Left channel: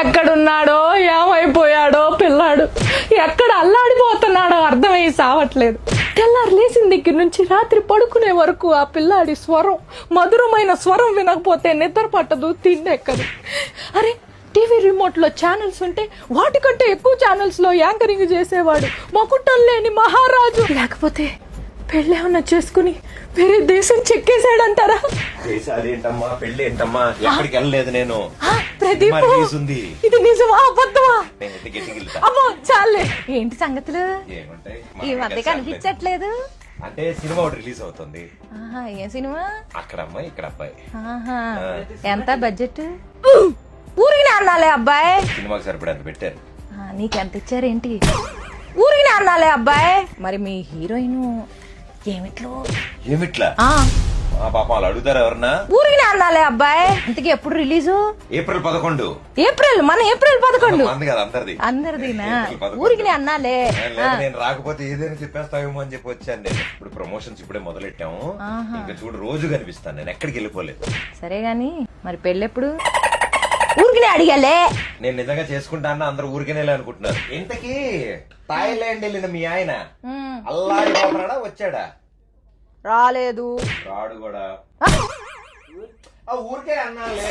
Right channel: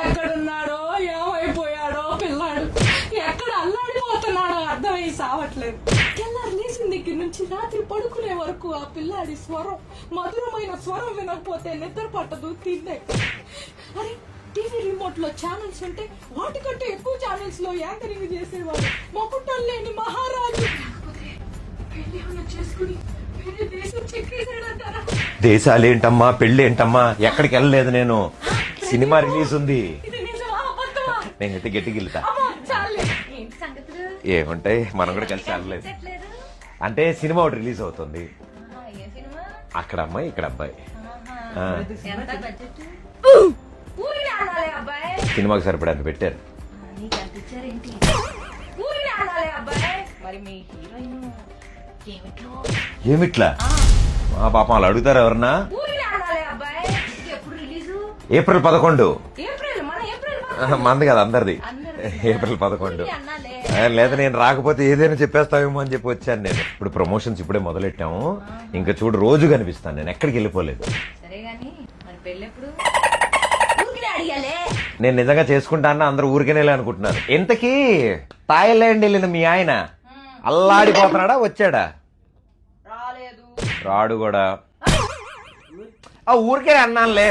ఎక్కడున్నాడో ఏమైపోయాడో పిల్లాడు, ఎక్కడ అల్లాడిపోతున్నాడో అర్థమయ్యి సావట్లేదు. తెల్లారు లేచిన దగ్గర నుంచి రాత్రి పడుకునే వరకు ఆ పిల్లాడి స్వరం, మధురమైన స్వరం వినకపోతే నిద్ర పట్టదు, తిండెక్కదు. అరే టీవీ రిమోట్ లో ఛానల్స్ ఉంటే వాటికంటే ఎక్కువ ఛానల్స్ లో యాంకరింగ్ చేసేవాడు మకుటం లేని మహారాజు. లేకపోతే పెళ్ళేమన్నా చేసుకుని వేరే దేశం చెక్కేసాడంటారా? దేశాలేంటమ్మా, పెళ్ళేంటమ్మా, ఎక్కడికి వెళ్ళలేదు నేను. సినిమా రిలీజ్ ఉంది. ఇది నిజమా అబద్ధమా? నేను గట్టికి అమ్మో చాలే. ఏంటి సంగతులు? ఏముంటాయి, కనిపించట్లేదు. అంటే సినిమా ఒకటి రిలీజ్ అవుతుంది. ఏ సినిమా? అక్కడ అమ్మాయి ఇక్కడ అబ్బాయి. ఎంత బడ్జెట్? ఊరిని అన్నాలే అబ్బాయి. సినిమాకి సరిపడంత పెట్టారు. నీకెంత ఇచ్చారేంటి? ఊరిని అన్నాలే అబ్బాయి. మరి మీ హీరోయిన్ ఏమిట్లా పాపం వాళ్ళు అడుగుతారు ఎవరన్నా? ఊరిని అన్నాలే అబ్బాయి. ఇంతకీ ఎప్పుడు రిలీజు? ఏప్రిల్ 11. ఏప్రిల్ 11 మంది కదా అందరిది. ఊరికి అన్నాలే. లేదా నేను రాకపోతే ఏదైనా చెప్పేస్తావేమో అని చెప్పి వచ్చాను నేను. ఇప్పుడు ప్రమోషన్స్ ఇప్పుడే మొదలెట్టాము. ఇంకా చూడు రోజు కనిపిస్తాను నేను, ఎక్కడికి వెళ్ళిపోలేదు. సరే గాని మరి పెళ్ళెప్పుడు? ఊరికినే అడిగాలే. నేను నిజంగా చేసుకుంటాను, అందరూ ఊరికేనే అనుకుంటున్నారు. ఇంతకీ థాయిలాండ్ వెళ్ళిన మీ ఆయన అల్లాడిపోతున్నాడా, వచ్చాడా? రాలేదు. రాడు కూడా. ఊరికే అన్నానులే.